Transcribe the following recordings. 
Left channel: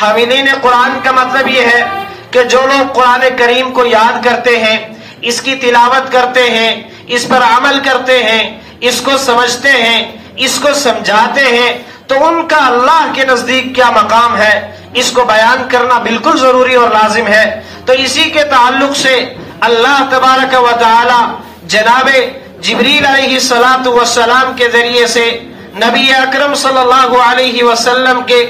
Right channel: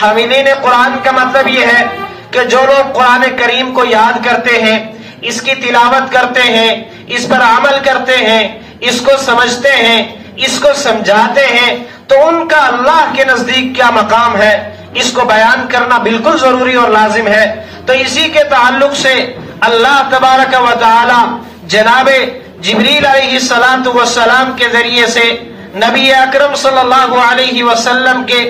حاملین قرآن کا مطلب یہ ہے کہ جو لوگ قرآن کریم کو یاد کرتے ہیں، اس کی تلاوت کرتے ہیں، اس پر عمل کرتے ہیں، اس کو سمجھتے ہیں، اس کو سمجھاتے ہیں، تو ان کا اللہ کے نزدیک کیا مقام ہے، اس کو بیان کرنا بالکل ضروری اور لازم ہے۔ تو اسی کے تعلق سے اللہ تبارک و تعالی جناب جبریل علیہ السلام کے ذریعے سے نبی اکرم صلی اللہ علیہ وسلم کے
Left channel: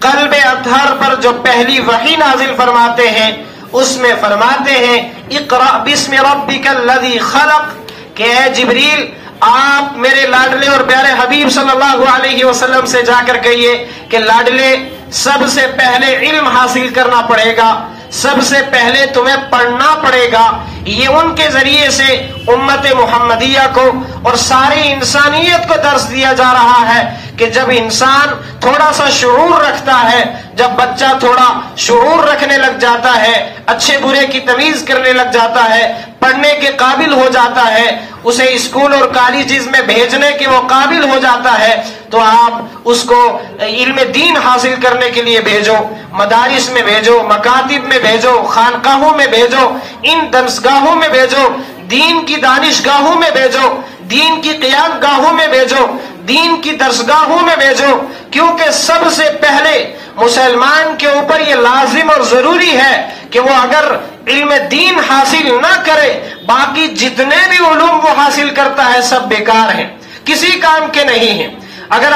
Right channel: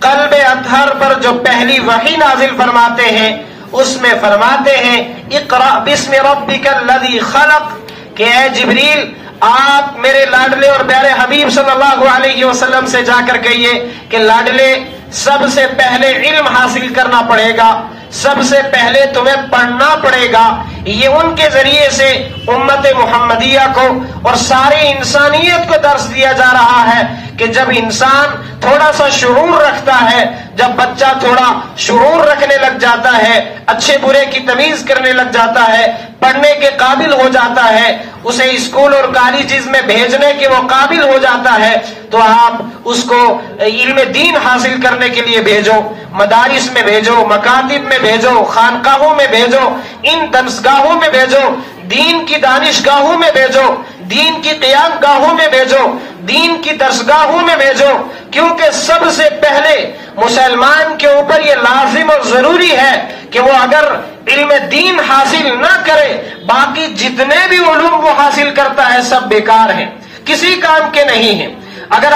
قلب اطہر پر جو پہلی وحی نازل فرماتے ہیں، اس میں فرماتے ہیں اقرأ بسم ربک الذی خلق، کہ اے جبریل آپ میرے لاڈلے اور پیارے حبیب صلی اللہ علیہ وسلم سے جا کر کہیے کہ لاڈلے سب سے پہلے علم حاصل کرنا پڑے گا، سب سے پہلے تمہیں پڑھنا پڑے گا۔ یہ ان کے ذریعے سے امت محمدیہ کو اور ساری انسانیت کو درس دیا جا رہا ہے کہ جب انسان تھوڑا سا شعور رکھتا ہے، جب بچہ تھوڑا شعور رکھنے لگ جاتا ہے، اچھے برے کی تمیز کرنے لگ جاتا ہے، پڑھنے کے قابل ہو جاتا ہے، اسے اسکول اور کالجز میں بھیجنے کے وہ قابل ہو جاتا ہے، تو آپ اس کو علم دین حاصل کرنے کے لیے بھیجو، مدارس میں بھیجو، مکاتب میں بھیجو، خانقاہوں میں بھیجو، ان درسگاہوں میں بھیجو، دین کی دانشگاہوں میں بھیجو، دین کی قیام گاہوں میں بھیجو، دین کی درسگاہوں میں بھیجو، کیونکہ سب سے پہلے مسلمان کے اوپر یہ لازم اور ضروری ہے کہ وہ اگر علم دین حاصل نہ کرے، باقی جتنے بھی علوم وہ حاصل کرتا ہے سب بیکار ہیں، کسی کام کے نہیں ہیں۔ اگر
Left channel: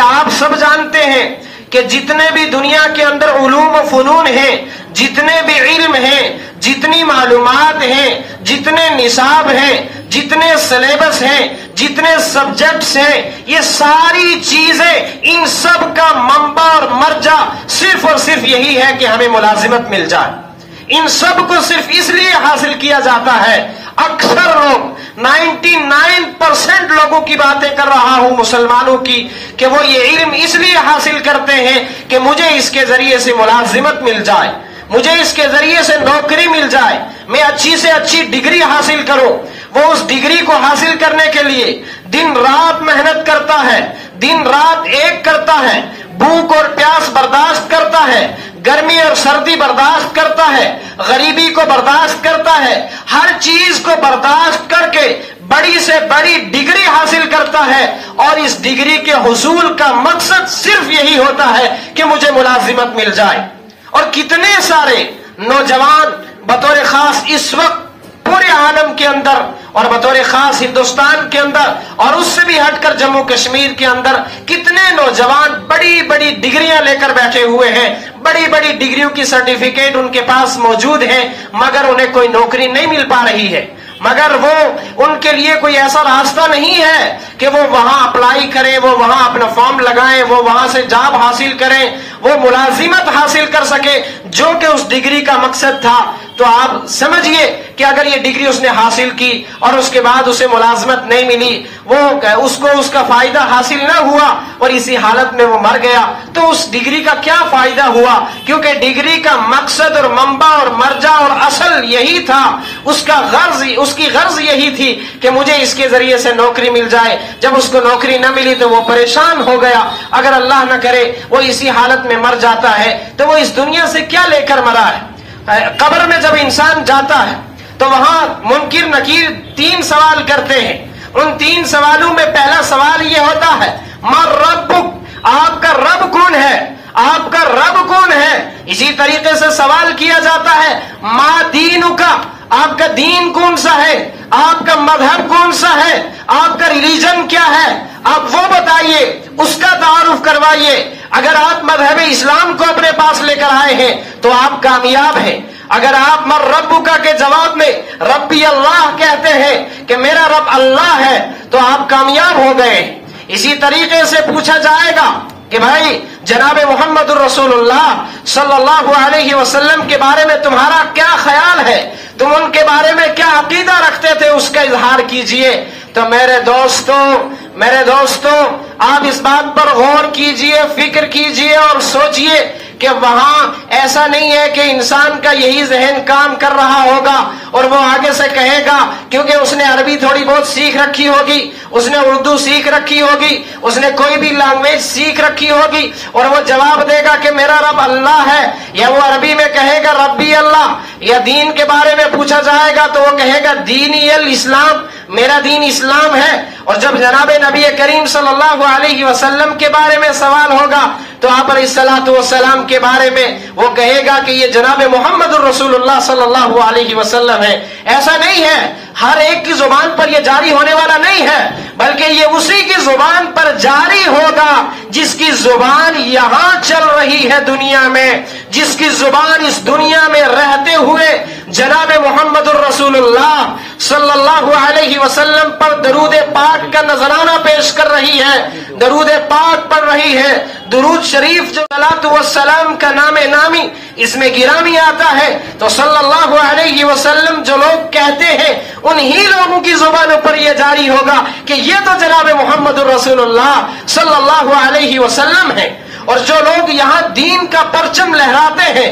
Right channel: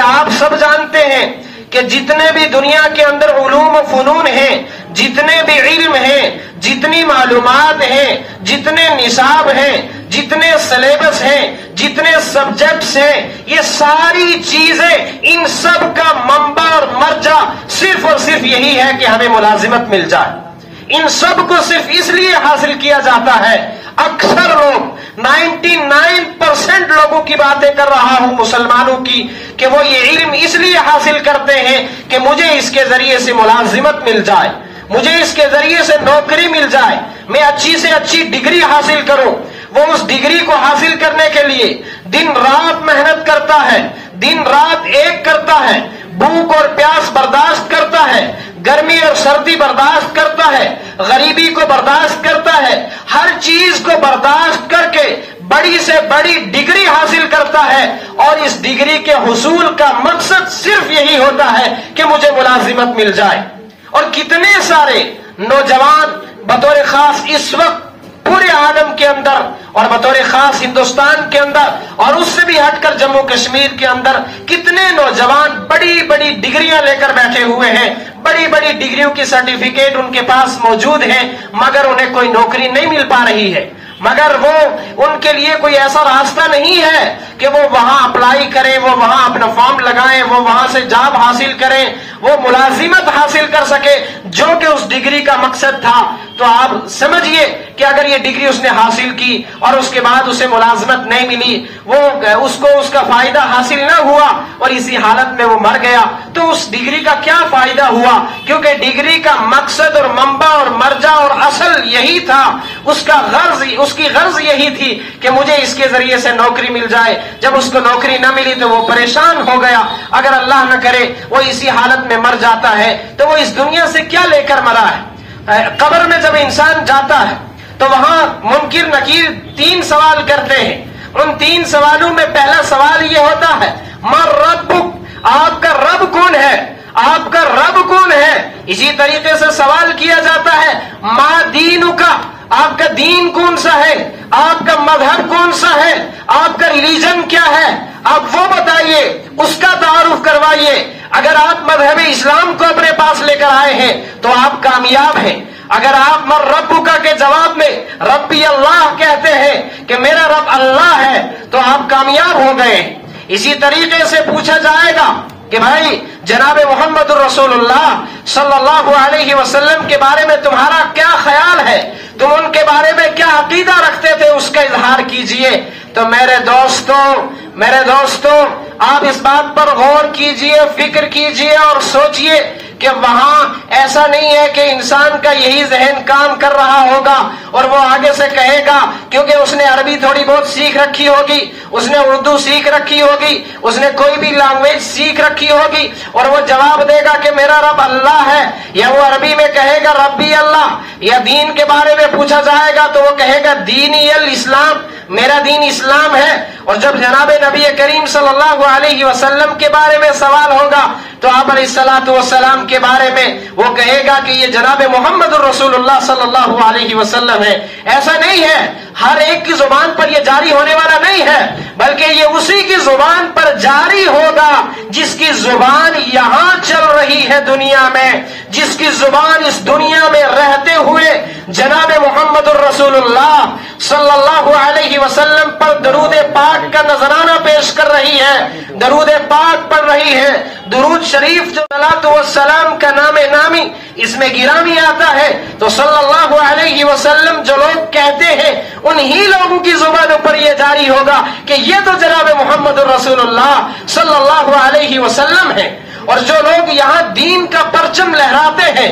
آپ سب جانتے ہیں کہ جتنے بھی دنیا کے اندر علوم و فنون ہیں، جتنے بھی علم ہیں، جتنی معلومات ہیں، جتنے نصاب ہیں، جتنے سلیبس ہیں، جتنے سبجیکٹس ہیں، یہ ساری چیزیں ان سب کا منبع اور مرجع صرف اور صرف یہی ہے کہ ہمیں ملازمت مل جائے۔ ان سب کو صرف اس لیے حاصل کیا جاتا ہے۔ اکثر لوگ 99% لوگوں کی باتیں کر رہا ہوں مسلمانوں کی، کہ وہ یہ علم اس لیے حاصل کرتے ہیں کہ مجھے اس کے ذریعے سے ملازمت مل جائے، مجھے اس کے ذریعے سے نوکری مل جائے، میں اچھی سے اچھی ڈگری حاصل کروں۔ وہ اس ڈگری کو حاصل کرنے کے لیے دن رات محنت کرتا ہے، دن رات ایک کرتا ہے، بھوک اور پیاس برداشت کرتا ہے، گرمی اور سردی برداشت کرتا ہے، غریبی کو برداشت کرتا ہے، ہر چیز کو برداشت کر کے بڑی سے بڑی ڈگری حاصل کرتا ہے، اور اس ڈگری کے حصول کا مقصد صرف یہی ہوتا ہے کہ مجھے ملازمت مل جائے۔ اور کتنے سارے نوجوان بطور خاص اس وقت پورے عالم کے اندر اور بطور خاص ہندوستان کے اندر اور اس سے بھی ہٹ کر جموں کشمیر کے اندر کتنے نوجوان بڑی بڑی ڈگریاں لے کر بیٹھے ہوئے ہیں، بڑی بڑی ڈگریوں کی سرٹیفکیٹ ان کے پاس موجود ہیں، مگر انہیں کوئی نوکری نہیں مل پا رہی ہے، مگر وہ ان کے لیے کوئی ایسا راستہ نہیں ہے کہ وہ وہاں اپلائی کریں، وہ وہاں اپنا فارم لگائیں، وہ وہاں سے جاب حاصل کریں، وہ ملازمت حاصل کر سکے جو کہ اس ڈگری کا مقصد تھا۔ تو آپ سمجھیے کہ اگر یہ ڈگری اس نے حاصل کی اور اس کے بعد اسے ملازمت نہیں ملی، وہ اس کو اس کا فائدہ حاصل نہ ہوا اور اسی حالت میں وہ مر گیا، تو اس ڈگری کا کیا فائدہ ہوا؟ کیونکہ ڈگری کا مقصد اور منبع اور مرجع اور اصل یہی تھا، اس کی غرض یہی تھی کہ مجھے اس کے ذریعے سے نوکری مل جائے۔ جب اس کو نوکری نہ ملی تو وہ پریشان ہو گیا، اگر اللہ نہ کرے وہ اسی حالت میں مر جاتا ہے تو وہ اس دنیا سے کیا لے کر مرا ہے؟ قبر میں جب انسان جاتا ہے تو وہاں منکر نکیر 3 سوال کرتے ہیں، ان 3 سوالوں میں پہلا سوال یہ ہوتا ہے ما ربک، آپ کا رب کون ہے؟ آپ کا رب کون ہے؟ اسی طریقے سے سوال کیا جاتا ہے ما دینک، آپ کا دین کون سا ہے؟ آپ کا مذہب کون سا ہے؟ آپ کا ریلیجن کیا ہے؟ آپ وہ بتائیے، اس کا تعارف کروائیے۔ اگر آپ مذہب اسلام کو اپنے پاس لے کر آئے ہیں تو آپ کامیاب ہیں۔ اگر آپ من ربک کے جواب میں ربی اللہ کہتے ہیں کہ میرا رب اللہ ہے تو آپ کامیاب ہو گئے۔ اسی طریقے سے پوچھا جائے گا کہ بھائی جناب محمد الرسول اللہ صلی اللہ علیہ وسلم کے بارے میں تمہارا کیا خیال ہے؟ تم ان کے بارے میں کیا عقیدہ رکھتے تھے؟ اس کا اظہار کیجئے۔ تو میرے دوستوں آپ اس بات پر غور کیجئے، فکر کیجئے اور سوچئے کہ وہاں ایسا نہیں ہے کہ انسان کا یہی ذہن کام کر رہا ہوگا اور وہ آگے سے کہے گا، کیونکہ اس نے عربی تھوڑی بہت سیکھ رکھی ہوگی، اس نے اردو سیکھ رکھی ہوگی، اس نے کوئی بھی لینگویج سیکھ رکھی ہوگی، اور وہ جواب دے گا کہ میرا رب اللہ ہے، یا وہ عربی میں کہے گا ربی اللہ، یا دین کے بارے میں پوچھا جائے گا تو وہ کہے گا دینی الاسلام، میرا دین اسلام ہے۔ اور جب جناب نبی کریم صلی اللہ علیہ وسلم کے بارے میں سوال ہوگا تو آپ علیہ الصلوۃ والسلام کے بارے میں وہ کہے گا کہ یہ جناب محمد الرسول اللہ صلی اللہ علیہ وسلم ہے۔ ایسا نہیں ہے، ہر ایک کی زبان پر یہ جاری ہونے والا نہیں ہے، بلکہ یہ اسی کی زبان پر جاری ہوگا جس کی زبان یہاں چل رہی ہے دنیا میں، جس کی زبان اس دنیا میں رہتے ہوئے جناب محمد الرسول اللہ صلی اللہ علیہ وسلم پر درود پاک کا نذرانہ پیش کر رہی ہے، درود پاک پڑھ رہی ہے۔ درود شریف جو صلاۃ والسلام کا نام نامی اس میں گرامی آتا ہے، تو صلی اللہ علیہ وسلم جو لوگ کہتے ہیں انہی لوگوں کی زبانوں پر یہ جاری ہوگا کہ یہ تو جناب محمد الرسول اللہ صلی اللہ علیہ وسلم ہے۔ اور جو لوگ یہاں دین کا پرچم لہراتے ہیں،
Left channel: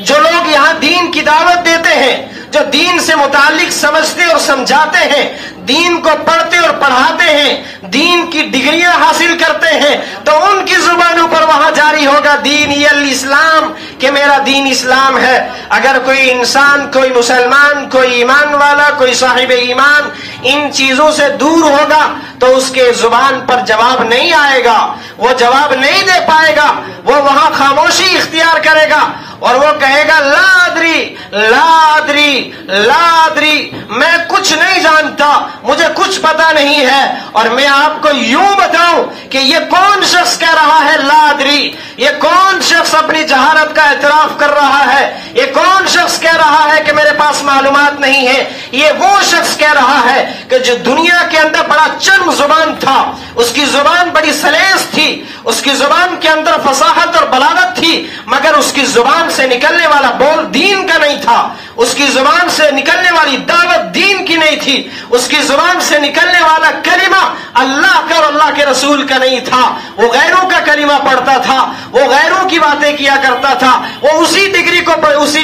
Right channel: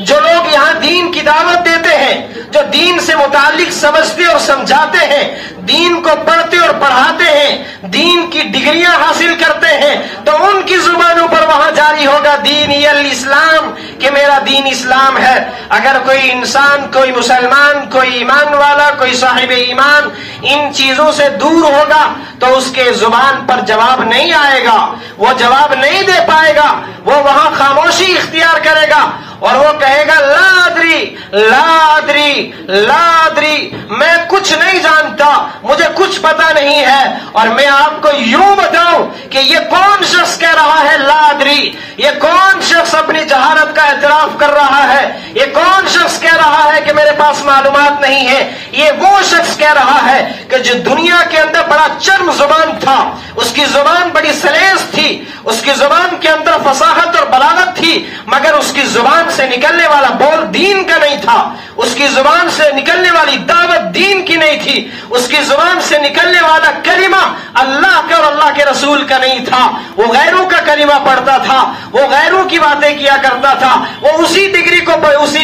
جو لوگ یہاں دین کی دعوت دیتے ہیں، جو دین سے متعلق سمجھتے اور سمجھاتے ہیں، دین کو پڑھتے اور پڑھاتے ہیں، دین کی ڈگریاں حاصل کرتے ہیں، تو ان کی زبانوں پر وہاں جاری ہوگا دینی الاسلام، کہ میرا دین اسلام ہے۔ اگر کوئی انسان، کوئی مسلمان، کوئی ایمان والا، کوئی صاحب ایمان ان چیزوں سے دور ہوگا تو اس کے زبان پر جواب نہیں آئے گا، وہ جواب نہیں دے پائے گا، وہ وہاں خاموشی اختیار کرے گا اور وہ کہے گا لا ادری لا ادری لا ادری، میں کچھ نہیں جانتا، مجھے کچھ پتا نہیں ہے۔ اور میں آپ کو یوں بتاؤں کہ یہ کون شخص کہہ رہا ہے لا ادری، یہ کون شخص اپنی جہالت کا اعتراف کر رہا ہے، یہ کون شخص کہہ رہا ہے کہ میرے پاس معلومات نہیں ہے، یہ وہ شخص کہہ رہا ہے کہ جو دنیا کے اندر بڑا چرم زبان تھا، اس کی زبان بڑی سلیس تھی، اس کی زبان کے اندر فصاحت اور بلاغت تھی، مگر اس کی زبان سے نکلنے والا بول دین کا نہیں تھا، اس کی زبان سے نکلنے والی دعوت دین کی نہیں تھی، اس کی زبان سے نکلنے والا کلمہ اللہ کا اور اللہ کے رسول کا نہیں تھا، وہ غیروں کا کلمہ پڑھتا تھا، وہ غیروں کی باتیں کیا کرتا تھا، وہ اسی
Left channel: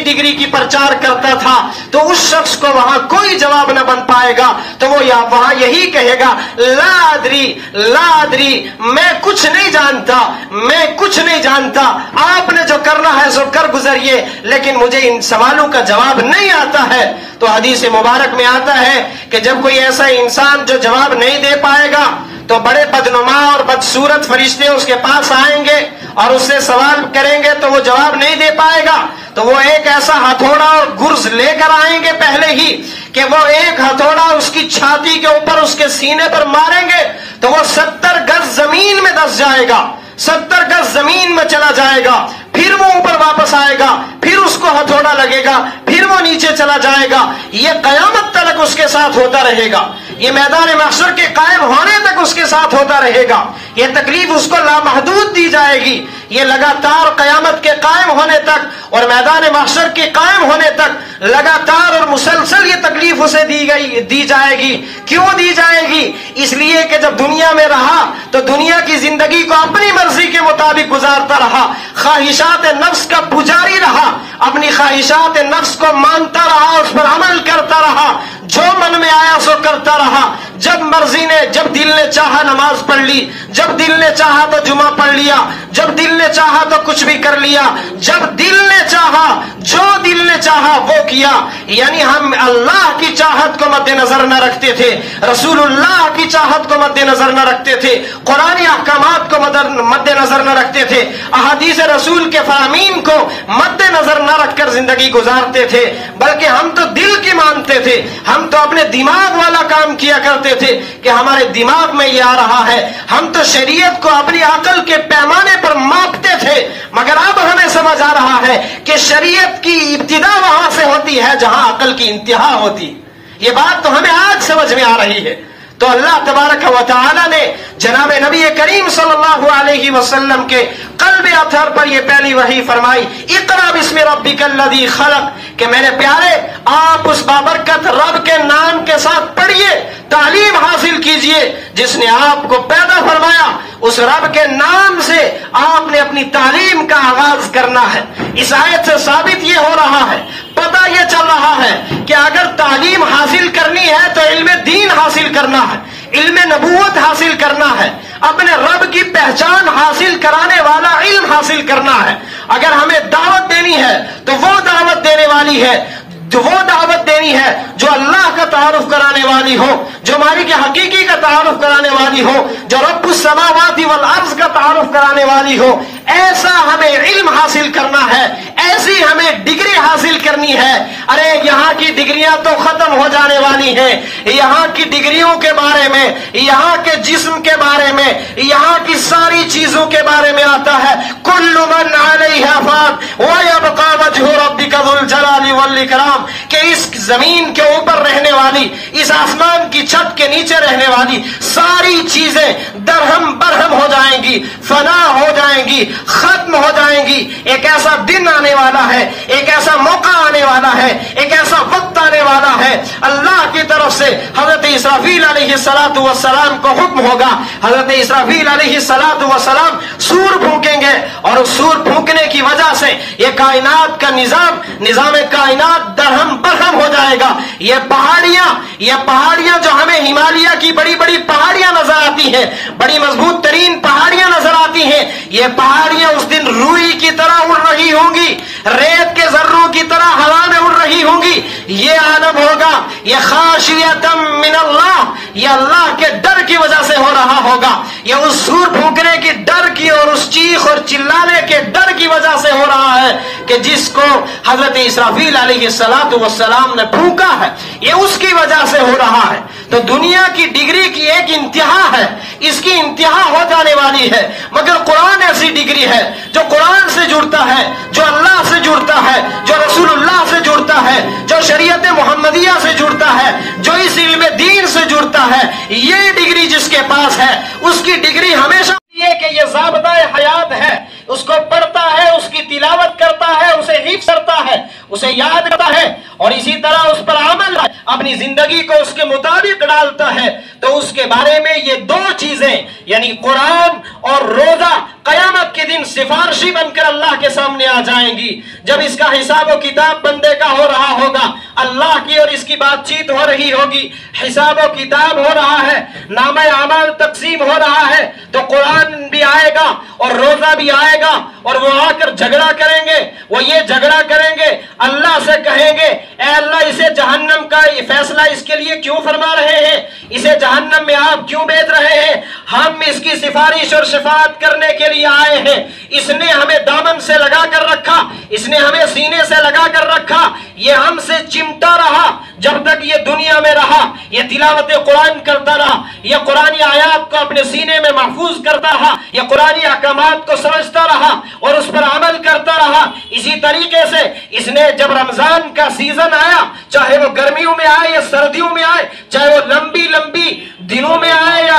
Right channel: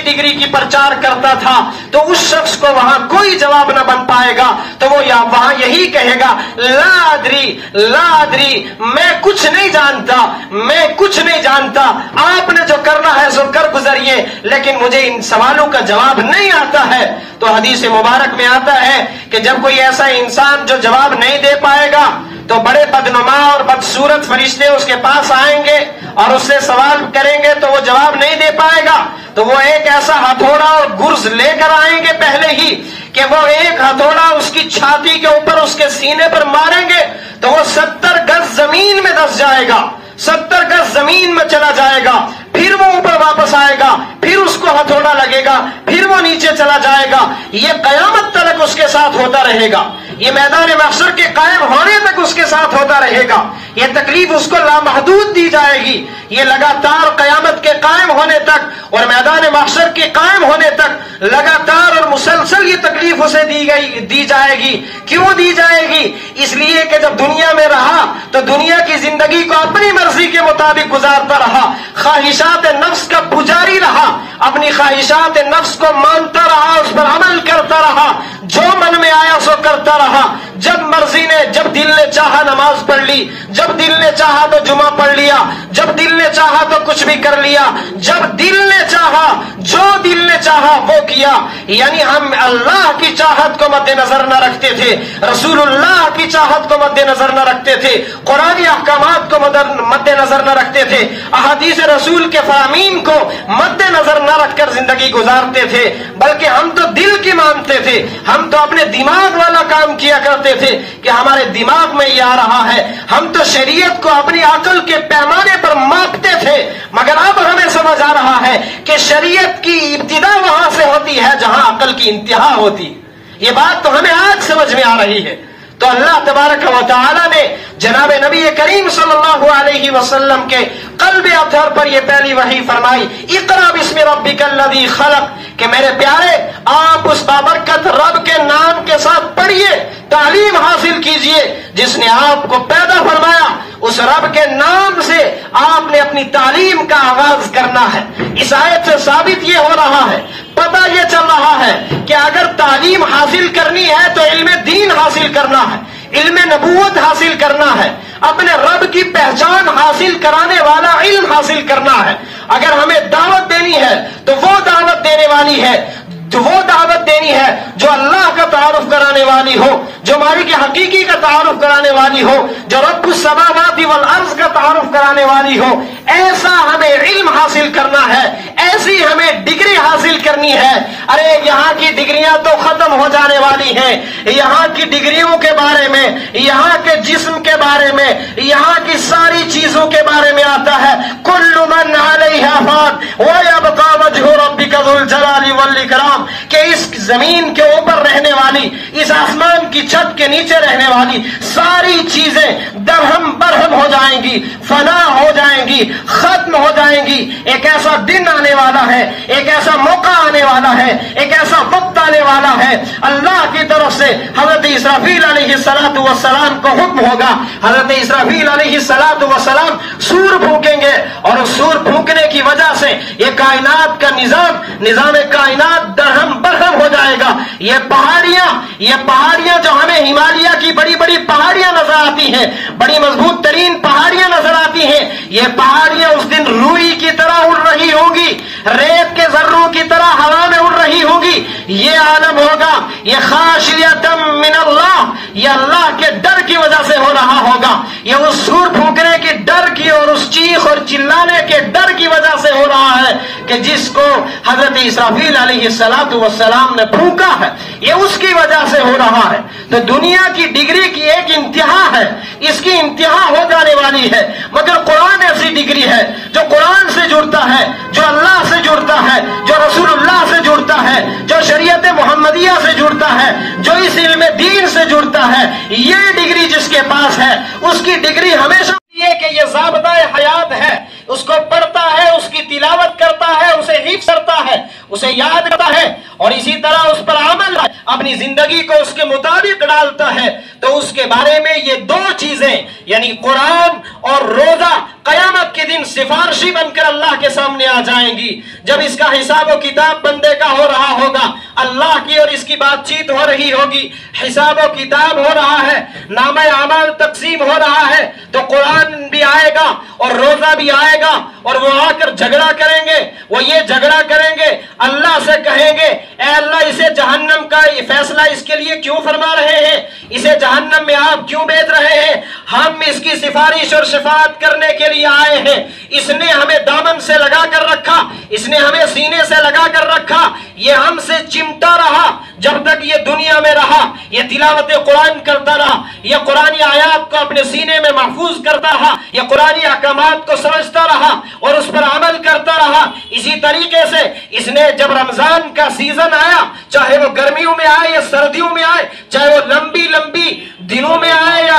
ڈگری کی پرچار کرتا تھا، تو اس شخص کو وہاں کوئی جواب نہ بن پائے گا، تو وہ وہاں یہی کہے گا لا ادری لا ادری، میں کچھ نہیں جانتا، میں کچھ نہیں جانتا، آپ نے جو کرنا ہے سو کر گزریے، لیکن مجھے ان سوالوں کا جواب نہیں آتا ہے۔ تو حدیث مبارک میں آتا ہے کہ جب کوئی ایسا انسان جو جواب نہیں دے پائے گا تو بڑے بدنما اور بدصورت فرشتے اس کے پاس آئیں گے اور اس سے سوال کریں گے تو وہ جواب نہیں دے پائے گا، تو وہ ایک ایسا ہتھوڑا اور گرز لے کر آئیں گے پہلے ہی کہ وہ ایک ہتھوڑا اس کی چھاتی کے اوپر اس کے سینے پر ماریں گے تو وہ 70 گز زمین میں دس جائے گا، 70 گز زمین میں چلا جائے گا، پھر وہ اوپر واپس آئے گا، پھر اس کو ہتھوڑا لگے گا، پھر وہ نیچے چلا جائے گا، یہ قیامت تک اس کے ساتھ ہوتا رہے گا، یہ میدان محشر کے قائم ہونے تک اس کے ساتھ ہوتا رہے گا، یہ تکلیف اس کو لامحدود دی جائے گی، یہ لگاتار قیامت کے قائم ہونے تک اور میدان محشر کے قائم ہونے تک لگاتار اور مسلسل یہ تکلیف اسے دی جائے گی۔ کیوں دی جائے گی؟ اس لیے کہ جب دنیا میں رہا تو دنیا کی زندگی کو اپنی مرضی کے مطابق گزارتا رہا، خواہشات نفس کا پجاری رہا، اپنی خواہشات نفس کو مانتا رہا، اس پر عمل کرتا رہا، جو من میں آیا سو کرتا رہا، جب دل نے چاہا نماز پڑھ لی، جب دل نے چاہا تو جمعہ پڑھ لیا، جب دل نے چاہا تو کچھ بھی کر لیا، جب دل نے چاہا جو دل نے چاہا وہ کیا۔ یعنی ہم اللہ کی چاہت کو مد نظر نہ رکھتے تھے، رسول اللہ کی چاہت کو مد نظر نہ رکھتے تھے، قرآن احکامات کو مد نظر نہ رکھتے تھے، احادیث رسول کے فہمین کو مد نظر نہ رکھ کر زندگی گزارتے تھے، بلکہ ہم تو دل کی مانتے تھے، ہم تو اپنے دماغ والا کام کیا کرتے تھے کہ ہمارے دماغ میں یہ آ رہا ہے، ہم تو شریعت کو اپنی عقل کے پیمانے پر ماپتے تھے، مگر اب ہمیں سمجھ آ رہا ہے کہ شریعت کی ابتدا وہاں سے ہوتی ہے جہاں عقل کی انتہا ہوتی۔ یہ بات تو ہمیں آج سمجھ میں آ رہی ہے۔ تو اللہ تبارک و تعالی نے جناب نبی کریم صلی اللہ علیہ وسلم کے قلب اطہر پر یہ پہلی وحی فرمائی، اقرا بسم ربک الذی خلق، کہ میرے پیارے آپ اس بابرکت رب کے نام کے ساتھ پڑھیے، تعلیم حاصل کیجئے جس نے آپ کو پیدا فرمایا اس رب کے نام سے آپ نے اپنی تعلیم کا آغاز کرنا ہے۔ اس آیت سے ثابت یہ ہو رہا ہے، پتہ یہ چل رہا ہے کہ اگر تعلیم حاصل کرنی ہے تو علم دین حاصل کرنا ہے، علم نبوت حاصل کرنا ہے، اپنے رب کی پہچان حاصل کرانے والا علم حاصل کرنا ہے۔ اگر ہمیں دعوت دینی ہے تو وہ دعوت دینے والی ہے، وہ دعوت دینی ہے جو اللہ کا تعارف کرانے والی ہو، جو مالک حقیقی کا تعارف کرانے والی ہو، جو رب السماوات والارض کا تعارف کرانے والی ہو۔ ایسا ہمیں علم حاصل کرنا ہے، ایسی ہمیں ڈگری حاصل کرنی ہے۔ ارے یہاں کی ڈگریاں تو ختم ہو جانے والی ہیں، یہاں کی ڈگریوں کے بارے میں، یہاں کے جسم کے بارے میں، یہاں کی ساری چیزوں کے بارے میں آتا ہے، کل من علیہا فان ویبقى وجہ ربک ذو الجلال والاکرام، کہ اس زمین کے اوپر رہنے والی، اس آسمان کی چھت کے نیچے رہنے والی ساری چیزیں درہم برہم ہو جائیں گی، فنا ہو جائیں گی، ختم ہو جائیں گی۔ ایک ایسا دن آنے والا ہے، ایک ایسا موقع آنے والا ہے، ایک ایسا وقت آنے والا ہے، اللہ کی طرف سے حضرت اسرافیل علیہ السلام کو حکم ہوگا، حضرت اسرافیل علیہ السلام سور پھونکیں گے، اور اس سور پھونکنے کی وجہ سے یہ کائنات کا نظام کائنات درہم برہم ہو جائے گا۔ یہ پہاڑیاں جو ہمیں ہمالیہ کی بڑی بڑی پہاڑیاں نظر آتی ہیں، بڑی مضبوط ترین پہاڑیاں نظر آتی ہیں، یہ پہاڑیاں اس دن روئی کی طرح اڑ رہی ہوں گی، ریت کے ذروں کی طرح ہوا میں اڑ رہی ہوں گی۔ یہ عالم ہوگا، یہ خاشیۃ من اللہ، یہ اللہ کے ڈر کی وجہ سے ہو رہا ہوگا، یہ اس سور پھونکنے کی ڈر کی اور اس چیخ اور چلانے کے ڈر کی وجہ سے ہو رہا ہے کہ جس کو حضرت اسرافیل علیہ السلام نے پھونکا ہے، یہ اس کی وجہ سے ہو رہا ہے۔ تو دنیا کی ڈگری کی ایک انتہا ہے، اس کی انتہا ہو جانے والی ہے، مگر قرآن ایسی ڈگری ہے جو قرآن سے جڑتا ہے، جو اللہ سے جڑتا ہے، جو رسول اللہ سے جڑتا ہے، جو شریعت محمدیہ سے جڑتا ہے، جو اس علم دین سے جڑتا ہے۔ یہ ڈگری جس کے پاس ہے، اس کی ڈگری ہمیشہ یہ کہ یہ ضابطہ حیات ہے، اس کو پڑھتا ہے، اس کی تلاوت کرتا ہے، اسے حفظ کرتا ہے، اسے یاد کرتا ہے، اور اسی طرح اس پر عمل اپنی زندگی کو اس کے مطابق ڈالتا ہے، تو اس کے بارے میں یہ دو چیزیں یعنی قرآن اور روزہ قیامت کے دن سفارشی بن کر اللہ کے سامنے آ جائیں گی۔ جب اس کا حساب و کتاب بندے کا ہو رہا ہوگا، اللہ کی اور اس کی بات چیت ہو رہی ہوگی، حساب و کتاب ہو رہا ہے، نامہ اعمال تقسیم ہو رہا ہے، تو قرآن بھی آئے گا اور روزہ بھی آئے گا، اور وہ آ کر جھگڑا کریں گے، وہ یہ جھگڑا کریں گے، اللہ سے کہیں گے اے اللہ اسے جہنم کا فیصلہ اس کے لیے کیوں فرما رہے ہیں، اسے جہنم میں آپ کیوں بھیج رہے ہیں، ہم اس کی سفارش اور شفاعت کرنے کے لیے آئے ہیں، اس نے ہمیں دامن سے لگا کر رکھا، اس نے ہمیں سینے سے لگا کر رکھا، یہ ہم سے چمٹا رہا جب تک یہ دنیا میں رہا، یہ تلاوت قرآن کرتا رہا، یہ قرآنی آیات کو اپنے سینے میں محفوظ کرتا رہا، یہ قرآنی احکامات کو سمجھتا رہا اور اس پر عمل کرتا رہا۔ اسی طریقے سے اس نے جب رمضان کا سیزن آیا، چاہے وہ گرمیوں میں آئے یا سردیوں میں آئے، چاہے وہ لمبی دنوں میں آئے یا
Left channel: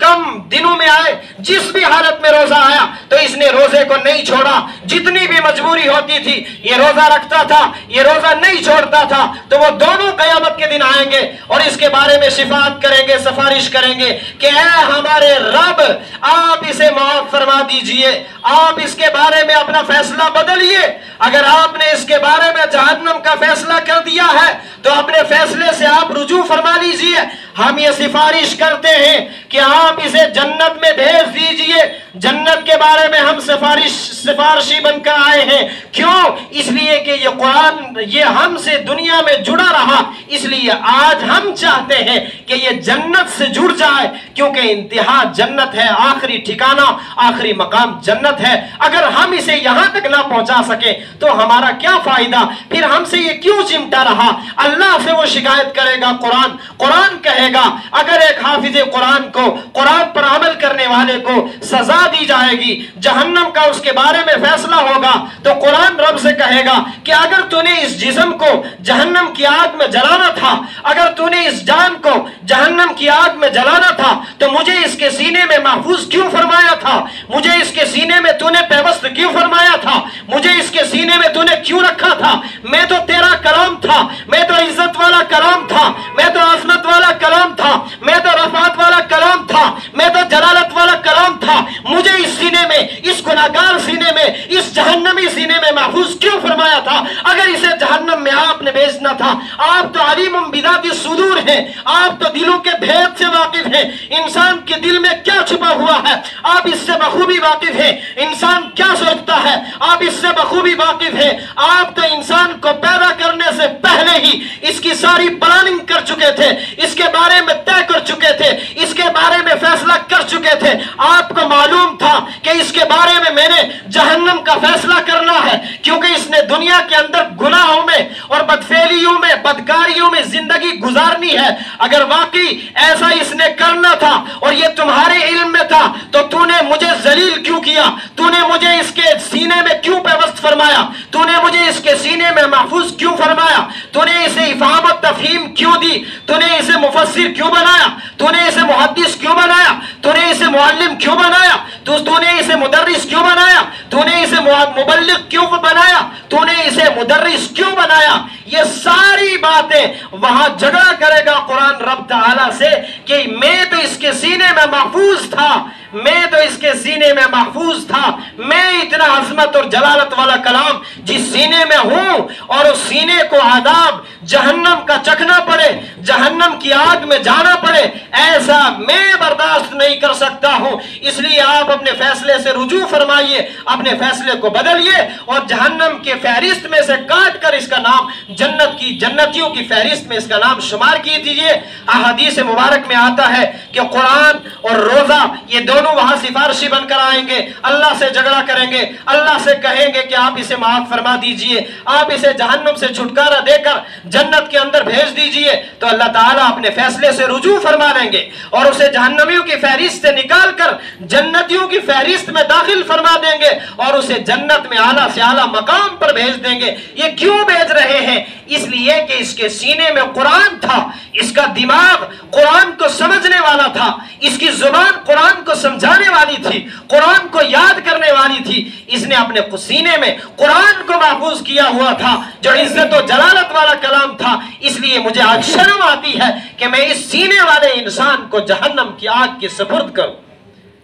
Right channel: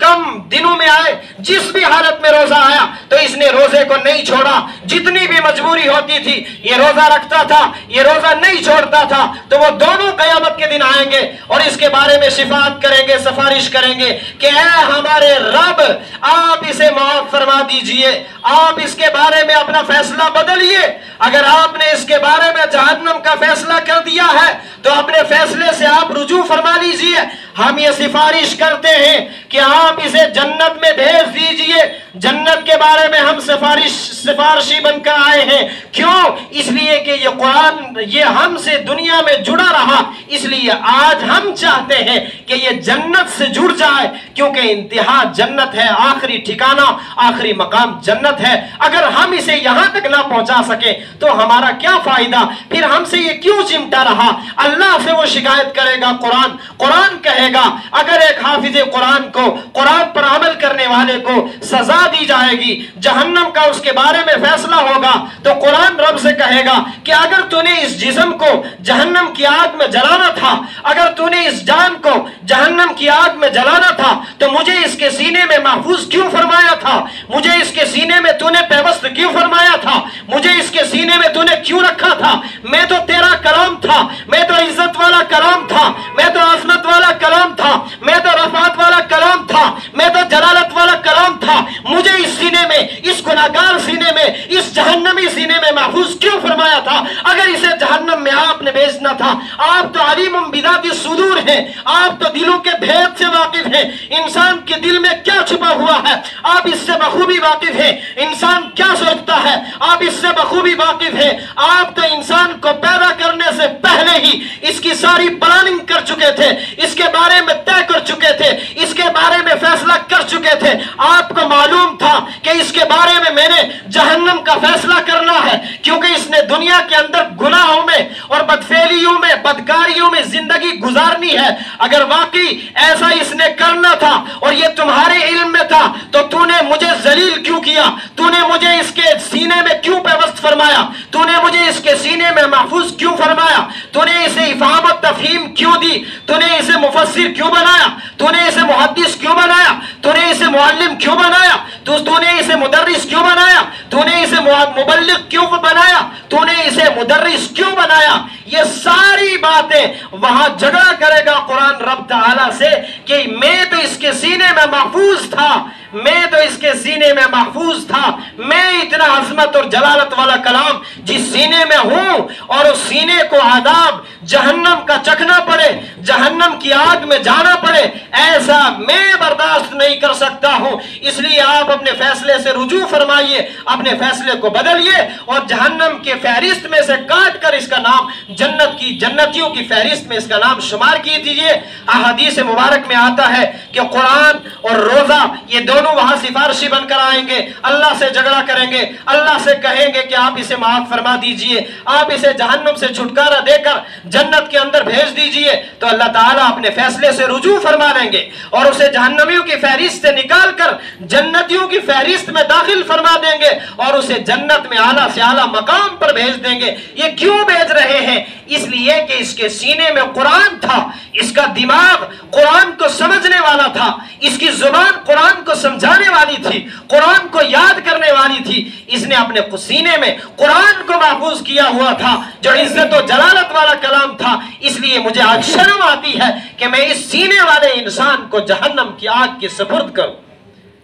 کم دنوں میں آئے، جس بھی حالت میں روزہ آیا تو اس نے روزے کو نہیں چھوڑا، جتنی بھی مجبوری ہوتی تھی یہ روزہ رکھتا تھا، یہ روزہ نہیں چھوڑتا تھا، تو وہ دونوں قیامت کے دن آئیں گے اور اس کے بارے میں شفاعت کریں گے، سفارش کریں گے کہ اے ہمارے رب آپ اسے معاف فرما دیجئے، آپ اس کے بارے میں اپنا فیصلہ بدلیے، اگر آپ نے اس کے بارے میں جہنم کا فیصلہ کر دیا ہے تو اپنے فیصلے سے آپ رجوع فرما لیجئے، ہم یہ سفارش کرتے ہیں کہ آپ اسے جنت میں بھیج دیجئے، جنت کے بارے میں ہم سفارشی بن کر آئے ہیں۔ کیوں؟ اس لیے کہ یہ قرآن یہ ہم سے دنیا میں جڑا رہا، اس لیے آج ہم چاہتے ہیں کہ یہ جنت سے جڑ جائے، کیونکہ انتہا جنت ہے، آخری ٹھکانہ آخری مقام جنت ہے۔ اگر ہم اسے یہاں تک نہ پہنچا سکے تو ہمارا کیا فائدہ، پھر ہم سے یہ کیوں چمٹا رہا۔ اللہ سے وہ شکایت کرے گا، قرآن کہے گا اگر ایک حافظ قرآن کو، قرآن پر عمل کرنے والے کو سزا دی جائے گی، جہنم کا اس کے بارے میں فیصلہ ہوگا، تو قرآن رب سے کہے گا کہ اگر تو نے اس جسم کو جہنم کی آگ میں جلانا تھا، اگر تو نے اس جان کو جہنم کی آگ میں جلانا تھا تو مجھے اس کے سینے میں محفوظ کیوں فرمایا تھا، مجھے اس کے سینے میں تو نے پیوست کیوں فرمایا تھا، مجھے اس کے سینے میں تو نے کیوں رکھا تھا، میں تو تیرا کلام تھا، میں تو عزت والا کلام تھا، میں تو عظمت والا کلام تھا، میں تو رفعت والا کلام تھا، میں تو جلالت والا کلام تھا، کرنا تھا. آپ تو علیم بذات الصدور ہیں, آپ تو دلوں کے بھید سے واقف ہیں. انسان کے دل میں کیا چھپا ہوا ہے آپ اس سے بخوبی واقف ہیں. انسان کیا سوچتا ہے آپ اس سے بخوبی واقف ہیں. آپ تو انسان کو پیدا کرنے سے پہلے ہی اس کی ساری پلاننگ کر چکے تھے, اس کے بارے میں طے کر چکے تھے, اس کے بارے میں فیصلہ کر چکے تھے. آپ کو معلوم تھا کہ اس کے بارے میں نے جہنم کا فیصلہ کرنا ہے, کیونکہ اس نے دنیا کے اندر گناہوں میں اور بدفعلیوں میں بدکاریوں میں زندگی گزارنی ہے. اگر واقعی ایسا اس نے کرنا تھا اور یہ تمہارے علم میں تھا تو تو نے مجھے ذلیل کیوں کیا؟ تو نے مجھے اس کے سینے میں کیوں پیوست فرمایا؟ تو نے مجھے اس کے سینے میں محفوظ کیوں فرمایا؟ تو نے اسے افہام و تفہیم کیوں دی؟ تو نے اسے مفسر کیوں بنایا؟ تو نے اسے محدث کیوں بنایا؟ تو نے اسے معلم کیوں بنایا؟ تو نے اسے مدرس کیوں بنایا؟ تو نے اسے مبلغ کیوں بنایا؟ تو نے اسے مدرس کیوں بنایا؟ یہ ساری باتیں وہاں جھگڑا کرے گا قرآن رب تعالیٰ سے کہ میں تو اس کے سینے میں محفوظ تھا, میں تو اس کے سینے میں محفوظ تھا. میں اتنا عظمت اور جلالت والا کلام جس سینے میں ہوں اور اس سینے کو عذاب جہنم کا چکھنا پڑے, جہنم کی آگ میں جانا پڑے, ایسا میں برداشت نہیں کر سکتا ہوں. اس لیے آپ اپنے فیصلے سے رجوع فرمائیے, اپنے فیصلے کو بدلیے اور جہنم کے فہرست میں سے کاٹ کر اس کا نام جنتیوں کی فہرست میں اس کا نام شمار کیجیے. احادیث مبارک میں آتا ہے کہ قرآن اور روزہ یہ دونوں وہاں سفارشی بن کر آئیں گے, اللہ سے جھگڑا کریں گے, اللہ سے کہیں گے کہ آپ اسے معاف فرما دیجئے, آپ اسے جہنم سے چھٹکارا دے کر جنت کے اندر بھیج دیجئے. تو اللہ تعالیٰ اپنے فیصلے سے رجوع فرما لیں گے اور اسے جہنمیوں کی فہرست سے نکال کر جنتیوں کی فہرست میں داخل فرما دیں گے اور اسے جنت میں اعلیٰ سے اعلیٰ مقام پر بھیج دیں گے. یہ کیوں بھیج رہے ہیں؟ اس لیے کہ اس کے سینے میں قرآن تھا, اس کا دماغ قرآن کو سمجھنے والا تھا, اس کی زبان قرآن کو سمجھانے والی تھی, قرآن کو یاد کرنے والی تھی. اس نے اپنے سینے میں قرآن کو محفوظ کیا ہوا تھا جو عزت و جلالت والا کلام تھا. اس لیے مجھے آج شرم آتی ہے کہ میں اس سینے والے انسان کو جہنم کی آگ کے سپرد کروں.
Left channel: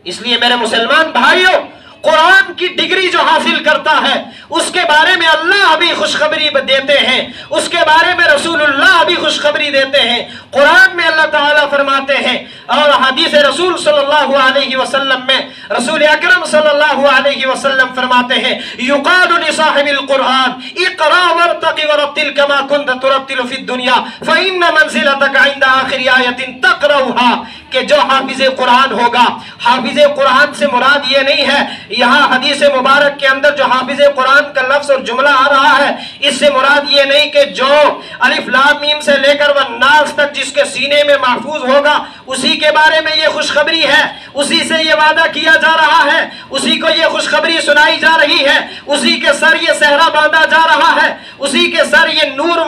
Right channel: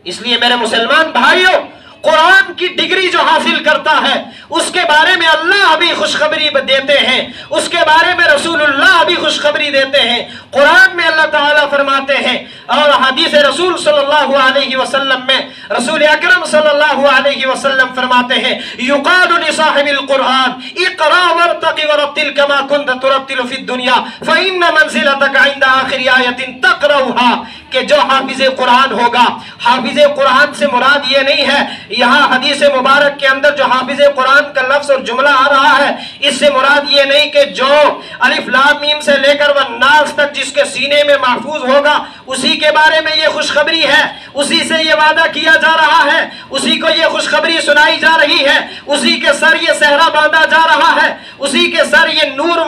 اس لیے میرے مسلمان بھائیوں, قرآن کی ڈگری جو حاصل کرتا ہے اس کے بارے میں اللہ بھی خوشخبری دیتے ہیں, اس کے بارے میں رسول اللہ بھی خوشخبری دیتے ہیں. قرآن میں اللہ تعالیٰ فرماتے ہیں اور حدیث رسول صلی اللہ علیہ وسلم میں رسول اکرم صلی اللہ علیہ وسلم فرماتے ہیں یقال لصاحب القرآن اقرا وارتق ورتل كما كنت ترتل في الدنيا فإن منزلتك عند آخر آية تقرأها, کہ جو حافظ قرآن ہوگا, حافظ قرآن سے مراد یہ نہیں ہے یہاں حدیث مبارک کے اندر جو حافظ قرآن کا لفظ اور جملہ آ رہا ہے اس سے مراد یہ نہیں کہ جو الف لام میم سے لے کر والناس تک جس کے سینے میں محفوظ ہوگا اسی کے بارے میں یہ خوشخبری ہے, اسی سے یہ وعدہ کیا جا رہا ہے, اسی کو یہ خوشخبری سنائی جا رہی ہے, اسی کے سر یہ صحرا باندھا جا رہا ہے, اسی کے سر یہ نور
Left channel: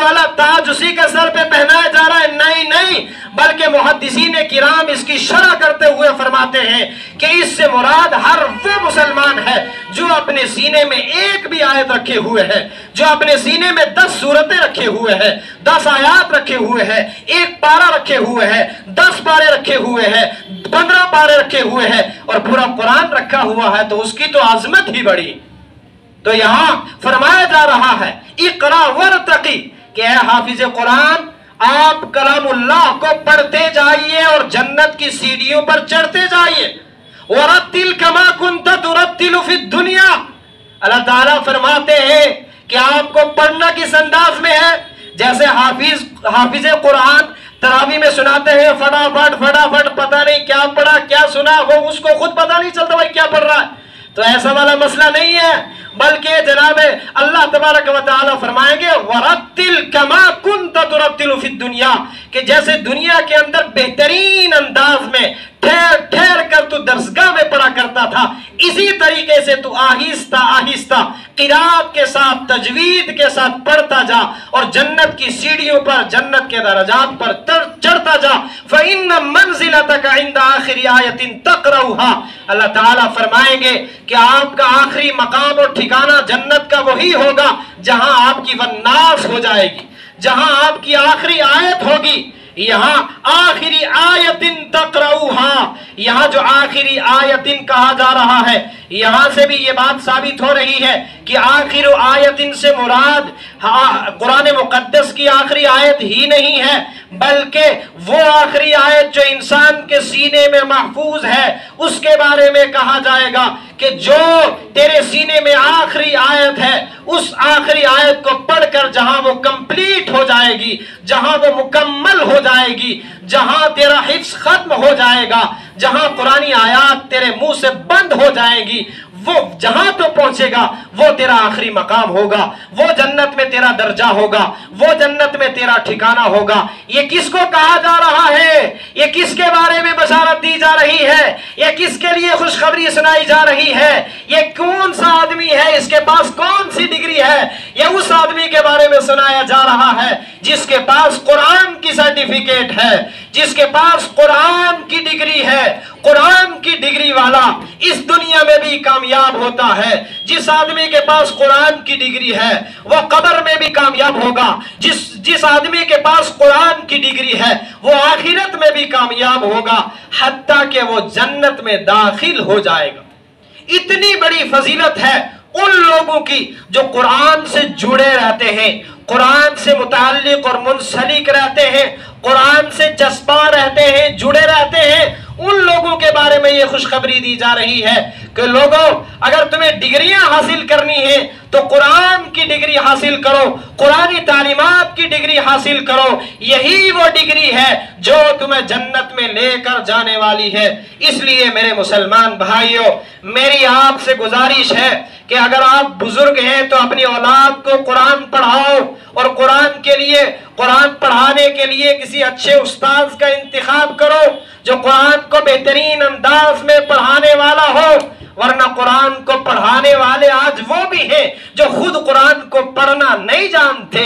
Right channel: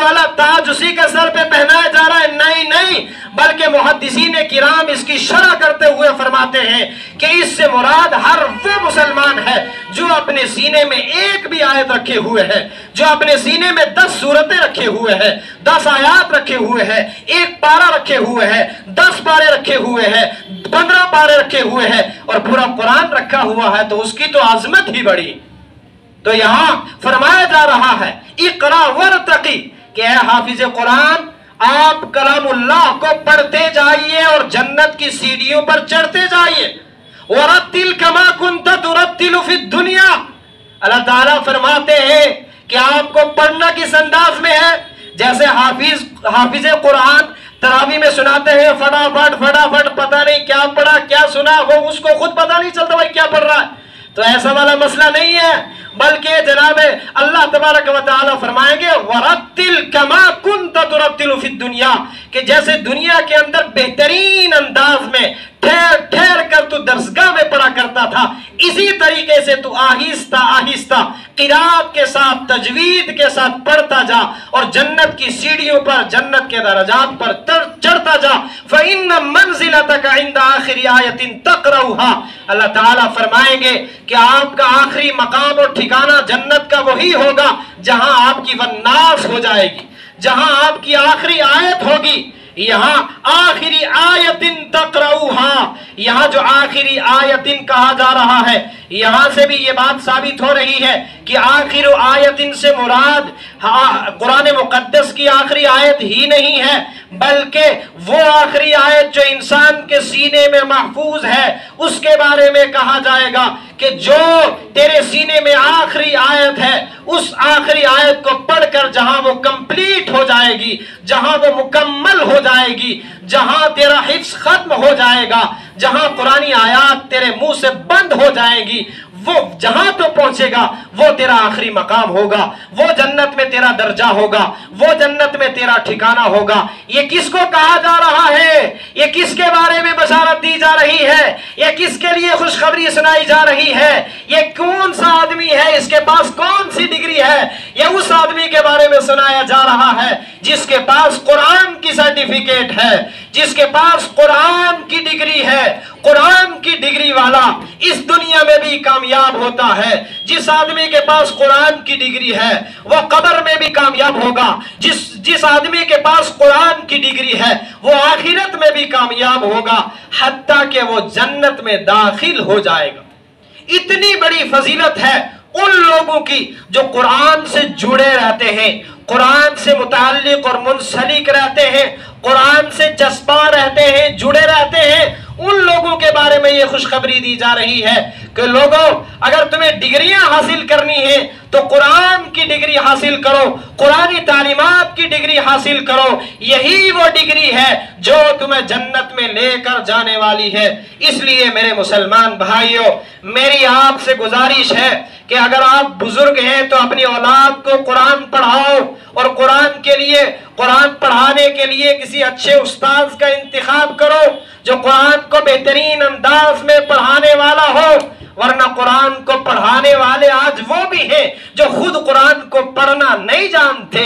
والا تاج اسی کے سر پہ پہنایا جا رہا ہے. نہیں نہیں, بلکہ محدثین کرام اس کی شرح کرتے ہوئے فرماتے ہیں کہ اس سے مراد ہر وہ مسلمان ہے جو اپنے سینے میں ایک بھی آیت رکھے ہوئے ہے, جو اپنے سینے میں 10 سورتیں رکھے ہوئے ہے, 10 آیات رکھے ہوئے ہے, 1 پارہ رکھے ہوئے ہے, 10 پارے رکھے ہوئے ہے, 15 پارے رکھے ہوئے ہے اور پورا قرآن رکھا ہوا ہے, تو اس کی تو عظمت ہی بڑی. تو یہاں فرمایا جا رہا ہے اقرا ورتقی کہ اے حافظ قرآن آپ کلام اللہ کو پڑھتے جائیے اور جنت کی سیڑھیوں پر چڑھتے جائیے. وَرَتِّلْ كَمَا كُنْتَ تُرَتِّلُ فِي الدُّنْيَا, اللہ تعالیٰ فرماتے ہیں کہ آپ کو پڑھنا کس انداز میں ہے جیسے حافظ قرآن تراویح میں سناتے ہیں فٹافٹ پتہ نہیں کیا پڑھا کیا سنا, وہ اس کو خود پتہ نہیں چلتا بھائی کیا پڑھ رہا ہے. تو ایسا والا مسئلہ نہیں ہے, بلکہ جناب اللہ تبارک و تعالیٰ فرمائیں گے وَرَتِّلْ كَمَا كُنْتَ تُرَتِّلُ فِي الدُّنْيَا, کہ جیسے دنیا کے اندر بہترین انداز میں ٹھہر کر تو درسگاہ میں پڑھا کرتا تھا, اسی طریقے سے تو آہستہ آہستہ قرات کے ساتھ تجوید کے ساتھ پڑھتا جا اور جنت کی سیڑھیوں پر جنت کے درجات پر چڑھتا جا. فَإِنَّ مَنزِلَتَكَ عِنْدَ آخِرِ آیَةٍ تَقْرَؤُهَا, اللہ تعالیٰ فرمائیں گے کہ آپ کا آخری مقام اور ٹھکانہ جنت کا وہی ہوگا جہاں آپ کی والناس ہو جائے گی, جہاں آپ کی آخری آیت ہوگی. یہاں آخری آیتن تقرؤہا، یہاں جو آخری آیتن کہا جا رہا ہے، یہاں سے بھی یہ بات ثابت ہو رہی ہے کہ آخر آیتن سے مراد قرآن مقدس کی آخری آیت ہی نہیں ہے، بلکہ وہ آخری آیت جو انسان کے سینے میں محفوظ ہے اس کے بارے میں کہا جائے گا کہ جو تیرے سینے میں آخری آیت ہے، اس آخری آیت کو پڑھ کر جہاں وہ کمپلیٹ ہو جائے گی، جہاں وہ مکمل ہو جائے گی، جہاں تیرا حفظ ختم ہو جائے گا، جہاں قرآنی آیات تیرے منہ سے بند ہو جائے گی، وہ جہاں تو پہنچے گا وہ تیرا آخری مقام ہوگا، وہ جنت میں تیرا درجہ ہوگا، وہ جنت میں تیرا ٹھکانہ ہوگا۔ یہ کس کو کہا جا رہا ہے؟ یہ کس کے بارے میں بشارت دی جا رہی ہے؟ یہ کس کے لیے خوشخبری سنائی جا رہی ہے؟ یہ کون سا آدمی ہے؟ اس کے پاس کون سی ڈگری ہے؟ یہ اس آدمی کے بارے میں سنایا جا رہا ہے جس کے پاس قرآن کی سرٹیفکیٹ ہے، جس کے پاس قرآن کی ڈگری ہے۔ قرآن کی ڈگری والا اس دنیا میں بھی کامیاب ہوتا ہے۔ جس آدمی کے پاس قرآن کی ڈگری ہے وہ قبر میں بھی کامیاب ہوگا۔ جس آدمی کے پاس قرآن کی ڈگری ہے وہ آخرت میں بھی کامیاب ہوگا، حتیٰ کہ وہ جنت میں داخل ہو جائے گا۔ اتنی بڑی فضیلت ہے ان لوگوں کی جو قرآن سے جڑے رہتے ہیں، قرآن سے متعلق اور منسلک رہتے ہیں، قرآن سے چسپاں رہتے ہیں، جڑے رہتے ہیں۔ ان لوگوں کے بارے میں یہ خوشخبری دی جا رہی ہے کہ لوگوں، اگر تمہیں ڈگریاں حاصل کرنی ہیں تو قرآن کی ڈگری حاصل کرو، قرآنی تعلیمات کی ڈگری حاصل کرو۔ یہی وہ ڈگری ہے جو تمہیں جنت میں لے کر جانے والی ہے۔ اس لیے میرے مسلمان بھائیوں، میری آپ سے گزارش ہے کہ اگر آپ بزرگ ہیں تو اپنی اولاد کو قرآن پڑھاؤ، اور قرآن کے لیے، قرآن پڑھانے کے لیے کسی اچھے استاذ کا انتخاب کرو جو قرآن کو بہترین انداز میں پڑھانے والا ہو، ورنہ قرآن کو پڑھانے والے آج وہ بھی ہیں جو خود قرآن کو پڑھنا نہیں جانتے۔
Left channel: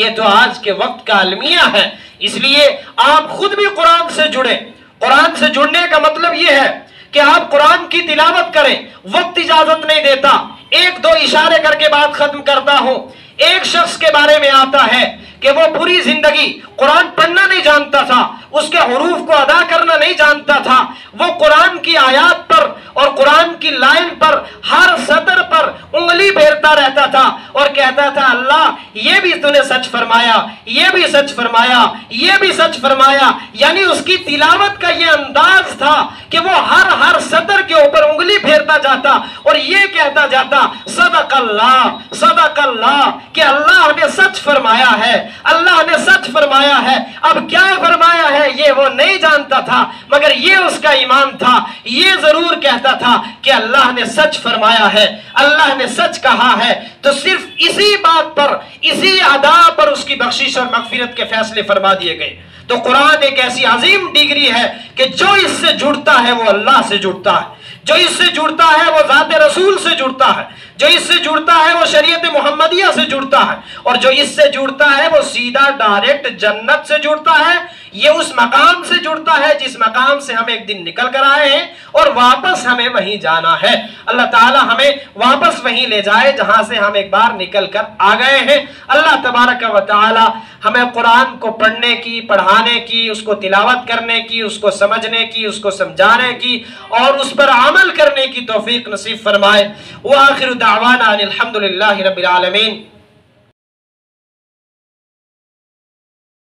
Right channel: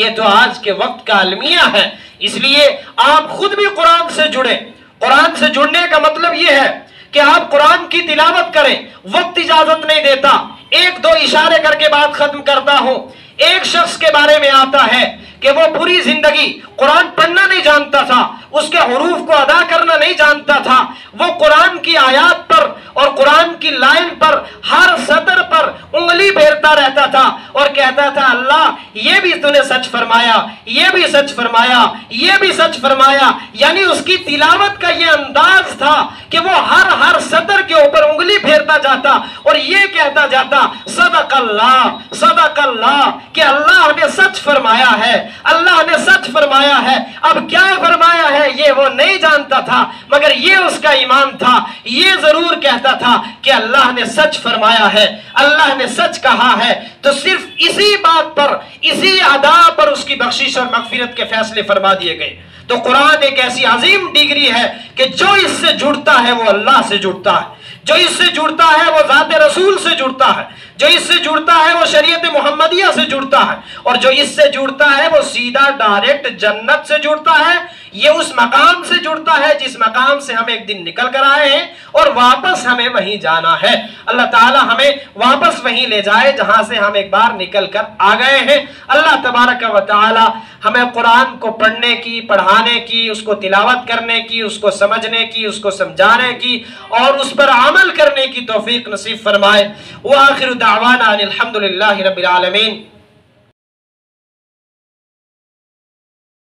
یہ تو آج کے وقت کا المیہ ہے۔ اس لیے آپ خود بھی قرآن سے جڑیں۔ قرآن سے جڑنے کا مطلب یہ ہے کہ آپ قرآن کی تلاوت کریں۔ وقت اجازت نہیں دیتا، ایک دو اشارے کر کے بات ختم کرتا ہوں۔ ایک شخص کے بارے میں آتا ہے کہ وہ پوری زندگی قرآن پڑھنا نہیں جانتا تھا، اس کے حروف کو ادا کرنا نہیں جانتا تھا، وہ قرآن کی آیات پر اور قرآن کی لائن پر ہر سطر پر انگلی پھیرتا رہتا تھا اور کہتا تھا اللہ یہ بھی تو نے سچ فرمایا، یہ بھی سچ فرمایا، یہ بھی سچ فرمایا۔ یعنی اس کی تلاوت کا یہ انداز تھا کہ وہ ہر سطر کے اوپر انگلی پھیرتا جاتا اور یہ کہتا جاتا صدق اللہ، کہ اللہ نے سچ فرمایا ہے، اللہ نے سچ فرمایا ہے۔ اب کیا فرمایا ہے یہ وہ نہیں جانتا تھا، مگر یہ اس کا ایمان تھا، یہ ضرور کہتا تھا کہ اللہ نے سچ فرمایا ہے، اللہ نے سچ کہا ہے۔ تو صرف اسی بات پر، اسی ادا پر اس کی بخشش اور مغفرت کے فیصلے فرما دیے گئے۔ تو قرآن ایک ایسی عظیم ڈگری ہے کہ جو اس سے جڑتا ہے وہ اللہ سے جڑتا ہے، جو اس سے جڑتا ہے وہ ذات رسول سے جڑتا ہے، جو اس سے جڑتا ہے وہ شریعت محمدیہ سے جڑتا ہے، اور جو اس سے جڑتا ہے وہ سیدھا ڈائریکٹ جنت سے جڑتا ہے۔ یہ اس مقام سے جڑتا ہے جس مقام سے ہم ایک دن نکل کر آئے ہیں اور واپس ہمیں وہیں جانا ہے۔ اللہ تعالی ہمیں واپس وہیں لے جائے جہاں سے ہم ایک بار نکل کر آ گئے ہیں۔ اللہ تبارک و تعالی ہمیں قرآن کو پڑھنے کی، پڑھانے کی، اس کو تلاوت کرنے کی، اس کو سمجھنے کی، اس کو سمجھانے کی اور اس پر عمل کرنے کی توفیق نصیب فرمائے۔ وآخر دعوانا ان الحمد للہ رب العالمین۔